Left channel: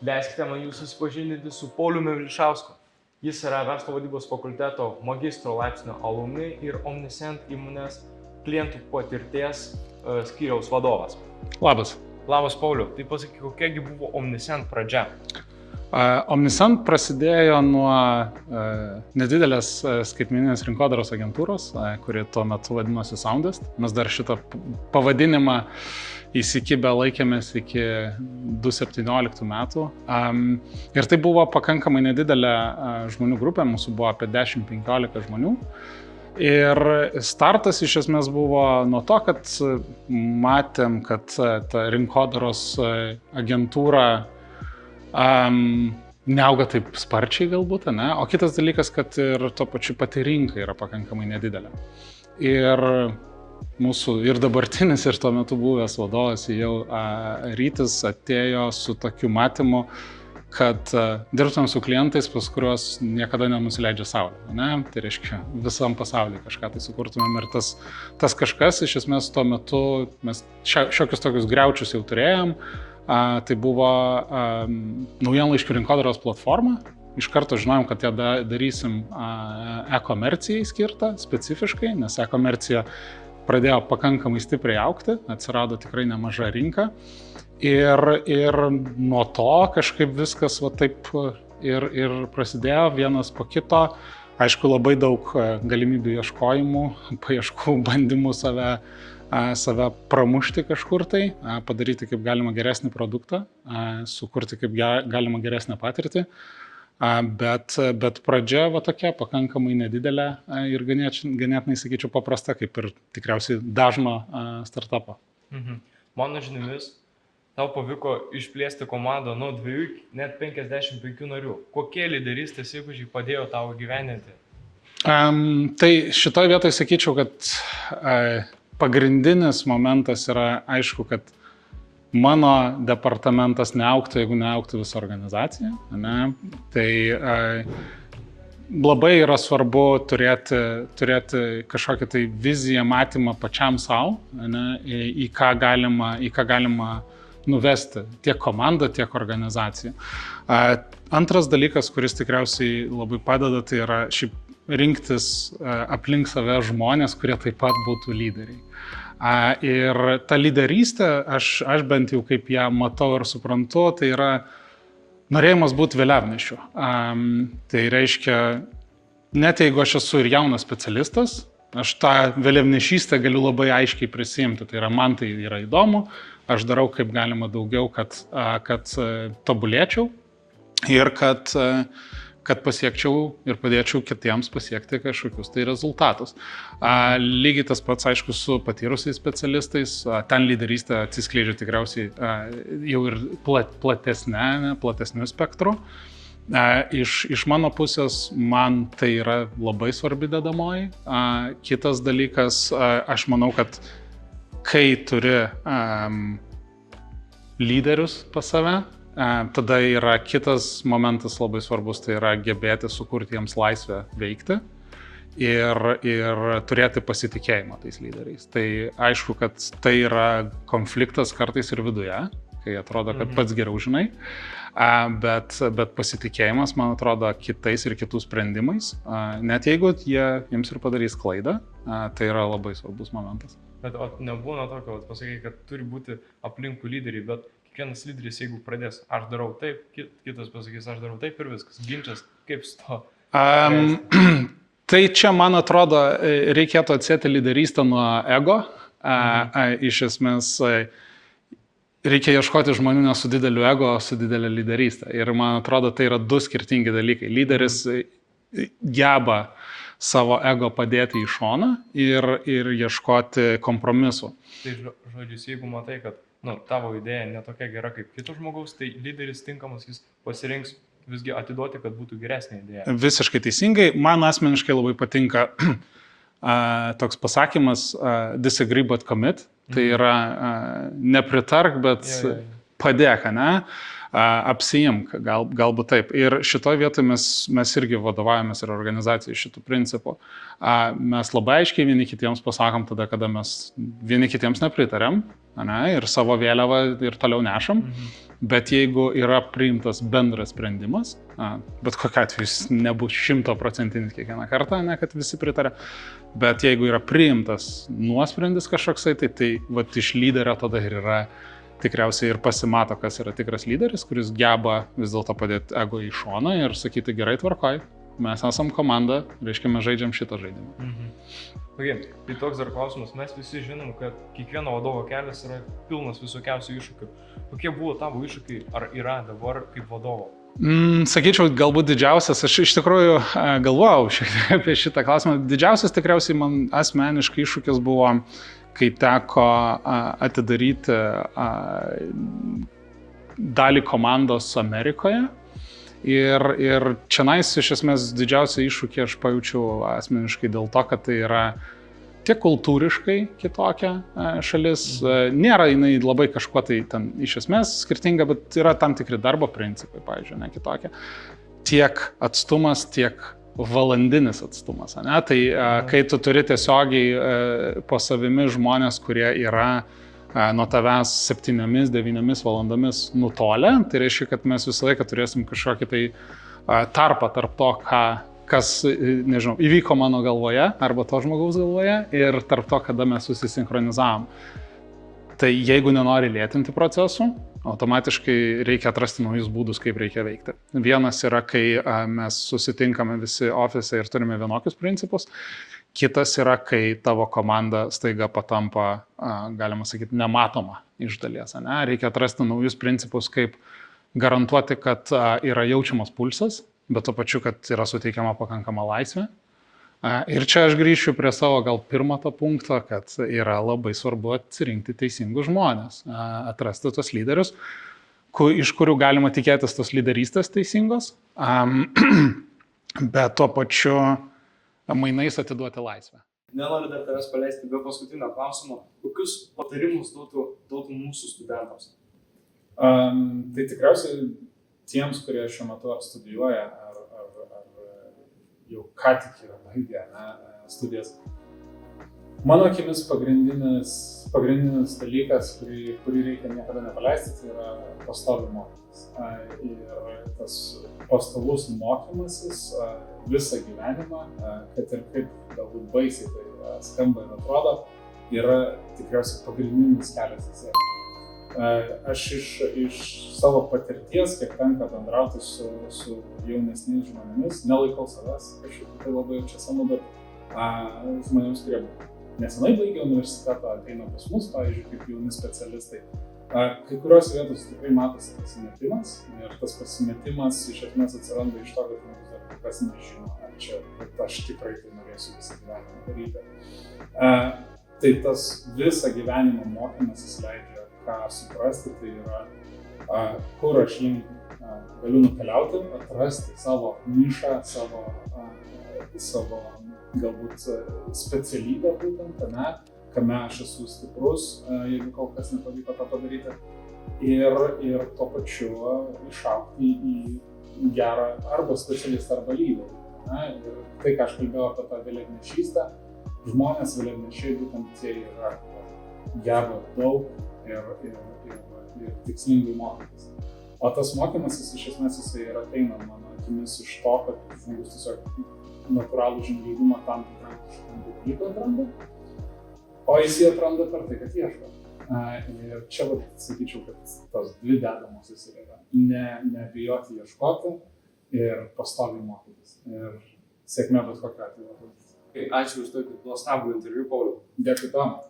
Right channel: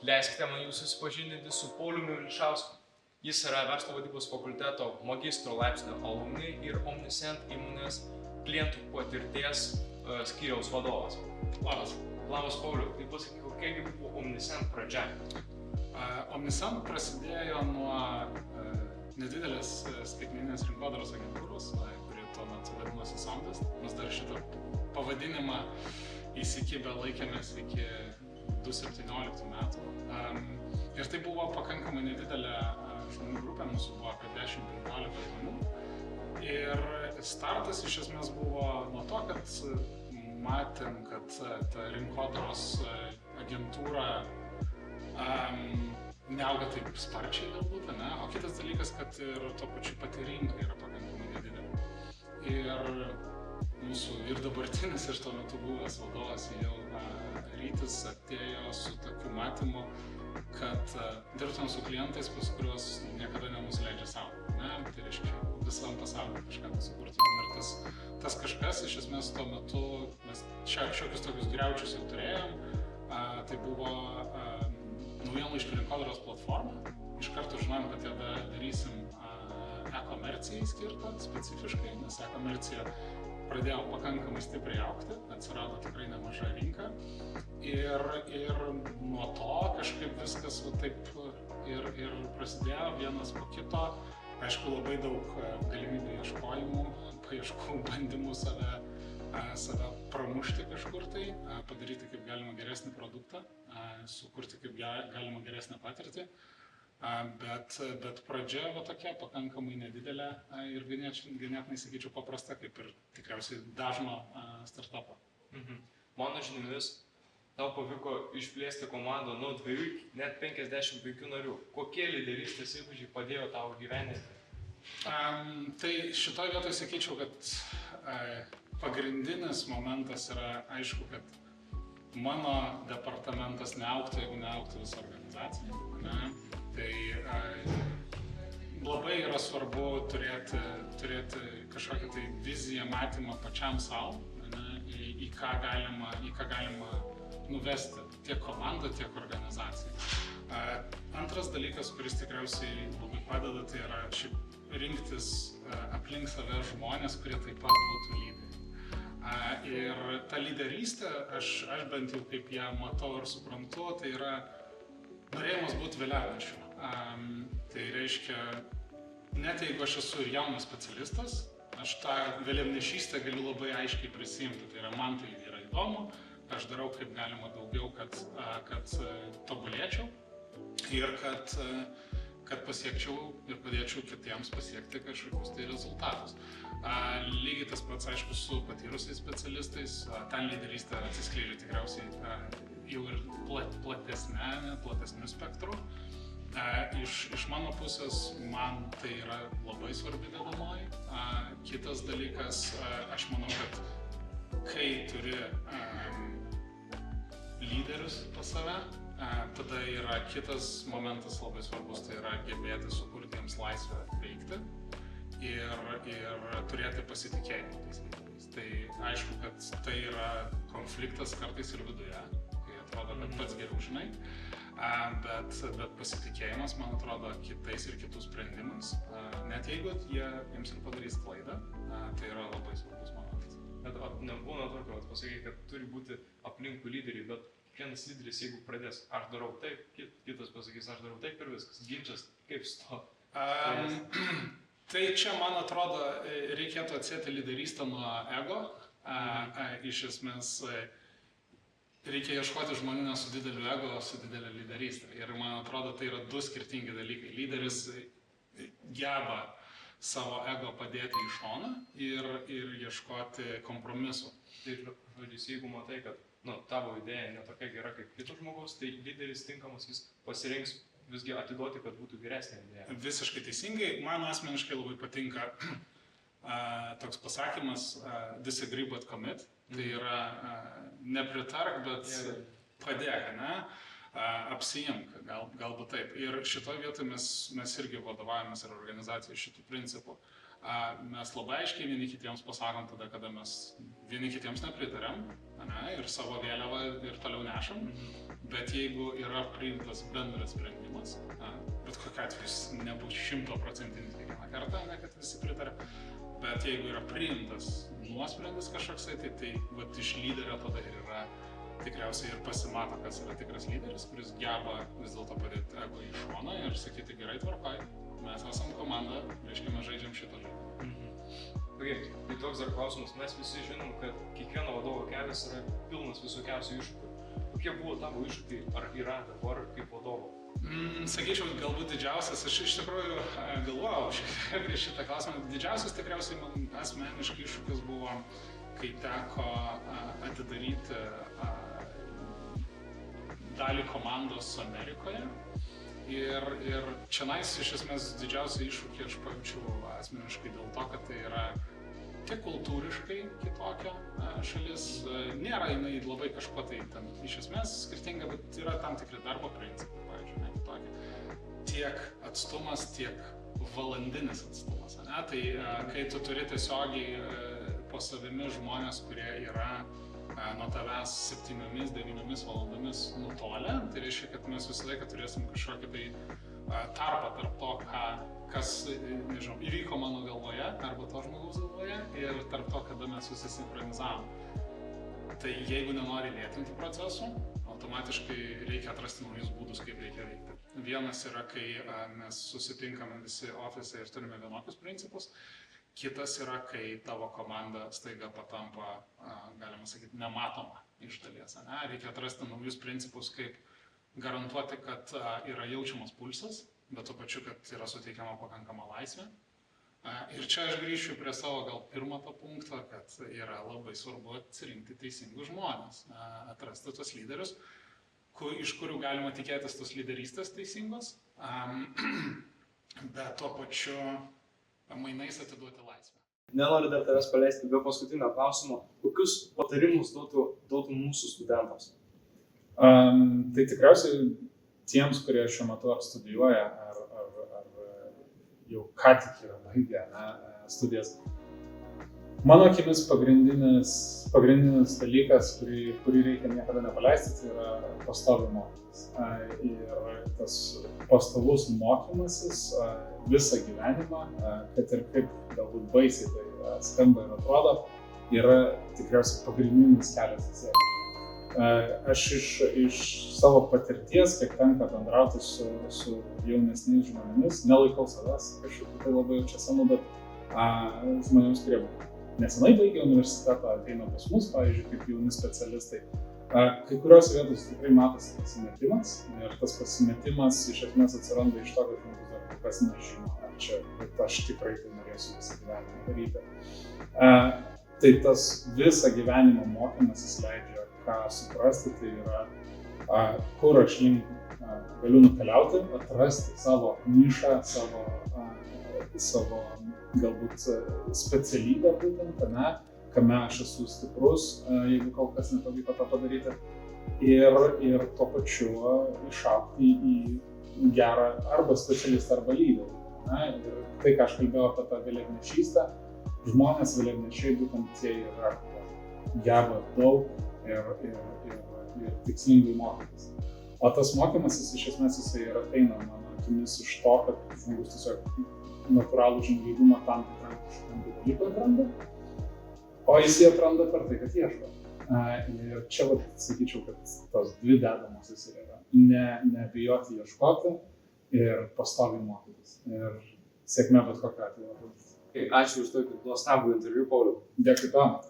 Leiskite man jūs susipažindinti su Pauliumi Vilšausku. Jis yra verslo vadybos fakulteto magistro laipsnio alumni ir Omniscient įmonės klientų patirties skyriaus vadovas. Labas. Labas, Pauliu. Tai pasakyk, kokiagi buvo Omniscient pradžia? Omniscient prasidėjo nuo nedidelės skaitmeninės rinkodaros agentūros, kuri tuo metu vadinosi Soundest. Mes dar šitą pavadinimą įsikibę laikėmės iki 2017 metų. Ir tai buvo pakankamai nedidelė žmonių grupė, mūsų buvo apie 10-15 žmonių. Ir startas iš esmės buvo nuo to, kad matėm, kad ta rinkodaros agentūra neauga taip sparčiai galbūt, ne? O kitas dalykas, kad ir tuo pačiu pati rinka yra pakankamai nedidelė. Ir mūsų ir dabartinis, ir tuo metu buvęs vadovas jau Rytis atėjo su tokiu matymu, kad dirbtumėm su klientais, pas kuriuos niekada nenusileidžia saulė, ne? Tai reiškia, visam pasaulyje kažką tai sukurtumėm ir tas kažkas, iš esmės tuo metu mes šiokius tokius griaučius jau turėjom. Tai buvo naujienlaiškių rinkodaros platforma. Iš karto žinojom, kad ją darysim e-komercijai skirtą specifiškai, nes e-komercija pradėjo pakankamai stipriai augti, atsirado tikrai nemaža rinka. Ir nuo to kažkaip viskas va taip ir prasidėjo vienas po kito. Aišku, labai daug galimybių ieškojimų, paieškų, bandymų save pramušti kažkur tai, padaryti kaip galima geresnį produktą, sukurti kaip galima geresnę patirtį. Bet pradžia va tokia pakankamai nedidelė ir ganėtinai, sakyčiau, paprasta, kaip ir tikriausiai dažno startupo. Mano žiniomis, tau pavyko išplėsti komandą nuo 2 net 55 narių. Kokie lyderystės įgūdžiai padėjo tau gyveninti? Tai šitoje vietoje sakyčiau, kad pagrindinis momentas yra aišku, kad mano departamentas neaugtų, jeigu neaugtų visa organizacija. Ne? Tai labai yra svarbu turėti kažkokią tai viziją, matymą pačiam savo, į ką galima nuvesti tiek komandą, tiek organizaciją. Antras dalykas, kuris tikriausiai labai padeda, tai yra šiaip rinktis aplink save žmonės, kurie taip pat būtų lyderiai. Ir ta lyderystė, aš bent jau kaip ją matau ir suprantu, tai yra norėjimas būti vėliavnešiu. Tai reiškia, net jeigu aš esu ir jaunas specialistas, aš tą vėliavnešystę galiu labai aiškiai prisiimti. Tai yra, man tai yra įdomu, aš darau kaip galima daugiau, kad tobulėčiau ir kad pasiekčiau ir padėčiau kitiems pasiekti kažkokius tai rezultatus. Lygiai tas pats, aišku, su patyrusiais specialistais, ten lyderystė atsiskleidžia tikriausiai jau ir platesniu spektru. Iš mano pusės man tai yra labai svarbi dedamoji. Kitas dalykas, aš manau, kad kai turi lyderius pas save, tada yra kitas momentas labai svarbus, tai yra gebėti sukurti jiems laisvę veikti ir turėti pasitikėjimą tais lyderiais. Tai aišku, kad tai yra konfliktas kartais ir viduje, kai atrodo, kad pats geriau žinai, bet pasitikėjimas, man atrodo, kitais ir kitų sprendimais, net jeigu jiems ir padarys klaidą, tai yra labai svarbus momentas. Bet nebūna tokio, pasakai, kad turi būti aplinkų lyderiai, bet kiekvienas lyderis, jeigu pradės, aš darau taip, kitas pasakys, aš darau taip ir viskas. Ginčas, kaip su to? Tai čia, man atrodo, reikėtų atsieti lyderystę nuo ego. Iš esmės, reikia ieškoti žmonių ne su dideliu ego, o su didelė lyderystė. Ir man atrodo, tai yra du skirtingi dalykai. Lyderis geba savo ego padėti į šoną ir ieškoti kompromisų. Tai žodžius, jeigu matai, kad tavo idėja netokia gera kaip kito žmogaus, tai lyderis tinkamas, jis pasirinks visgi atiduoti, kad būtų geresnė idėja. Visiškai teisingai. Man asmeniškai labai patinka toks pasakymas disagree but commit. Tai yra nepritark, bet padėk, ne? apsiimk, galbūt taip. Ir šitoje vietoje mes irgi vadovaujamės ir organizacijai šitų principų. Mes labai aiškiai vieni kitiems pasakom tada, kada mes vieni kitiems nepritarėm, ir savo vėliavą ir toliau nešam. Bet jeigu yra priimtas bendras sprendimas, bet kokiu atveju jis nebus 100% kiekvieną kartą, kad visi pritarė, bet jeigu yra priimtas nuosprendis kažkoksai, tai vat, iš lyderio tada ir yra tikriausiai ir pasimato, kas yra tikras lyderis, kuris geba vis dėlto padėti ego į šoną ir sakyti gerai tvarkoj, mes esam komanda, reiškia mes žaidžiam šitą žaidimą. Tai toks dar klausimas, mes visi žinom, kad kiekvieno vadovo kelias yra pilnas visokiausių iššūkių. Kokie buvo tavo iššūkiai, ar yra dabar kaip vadovo? Sakyčiau, galbūt didžiausias, aš iš tikrųjų galvojau šiek tiek apie šitą klausimą, didžiausias tikriausiai man asmeniškai iššūkis buvo, kai teko atidaryti dalį komandos Amerikoje. Ir čionais iš esmės didžiausią iššūkį aš pajaučiau asmeniškai dėl to, kad tai yra tiek kultūriškai kitokia šalis. Nėra jinai labai kažkuo tai ten iš esmės skirtinga, bet yra tam tikri darbo principai, pavyzdžiui, kitokie. Tiek atstumas, tiek valandinis atstumas. Tai kai tu turi tiesiogiai po savimi žmonės, kurie yra nuo tavęs 7-9 valandomis nutolę, tai reiškia, kad mes visą laiką turėsim kažkokį tai tarpą tarp to, kas, nežinau, įvyko mano galvoje arba to žmogaus galvoje ir tarp to, kada mes susisinchronizavom. Tai jeigu nenori lėtinti procesų, automatiškai reikia atrasti naujus būdus, kaip reikia veikti. Vienas yra, kai mes susitinkame visi ofise ir turime vienokius principus. Kitas yra, kai tavo komanda staiga patampa, galima sakyti, nematoma iš dalies. Reikia atrasti naujus principus, kaip garantuoti, kad yra jaučiamas pulsas, bet tuo pačiu, kad yra suteikiama pakankama laisvė. Ir čia aš grįšiu prie savo gal pirmo to punkto, kad yra labai svarbu atsirinkti teisingus žmonės, atrasti tos lyderius, iš kurių galima tikėtis tos lyderystės teisingos, bet tuo pačiu mainais atiduoti laisvę. Nenoriu dar tavęs paleisti be paskutinio klausimo. Kokius patarimus duotų mūsų studentams? Tai tikriausiai tiems, kurie šiuo metu ar studijuoja, ar jau ką tik yra baigę studijas. Mano akimis pagrindinis dalykas, kurį reikia niekada nepaleisti, tai yra pastoviai mokymas. Ir tas pastovus mokymasis visą gyvenimą, kad ir kaip galbūt baisiai tai skamba ir atrodo, yra tikriausiai pagrindinis kelias į sėkmę. Aš iš savo patirties, kiek tenka bendrauti su jaunesniais žmonėmis, nelaikau savęs kažkaip tai labai čia senu, bet žmonėms, kurie nesenai baigė universitetą, ateina pas mus, pavyzdžiui, kaip jauni specialistai. Kai kurios vietos tikrai matosi pasimetimas ir tas pasimetimas iš esmės atsiranda iš to, kad žmogus dar kas nežino, ar čia, bet aš tikrai tai norėsiu visą gyvenimą daryti. Tai tas visą gyvenimo mokymasis leidžia ką suprasti, tai yra, kur aš link galiu nukeliauti, atrasti savo nišą, savo galbūt specialybę būtent, kame aš esu stiprus, jeigu kol kas nepavyko tą padaryti. Ir tuo pačiu išaugti į gerą arba specialistą, arba lyderį. Ir tai, ką aš kalbėjau apie tą vėliavnešystę, žmonės vėliavnešiai būtent tie yra geba daug ir tikslingai mokytis. O tas mokymasis iš esmės jisai ir ateina mano akimis iš to, kad žmogus tiesiog natūralų žingeidumą tam tikram dalykui atranda, o jis jį atranda per tai, kad ieško. Ir čia sakyčiau, kad tos dvi dedamosios yra nebijoti ieškoti ir pastoviai mokytis. Ir sėkmė bet kokiu atveju. Ačiū už tokį nuostabų interviu, Pauliau. Dėkui tau.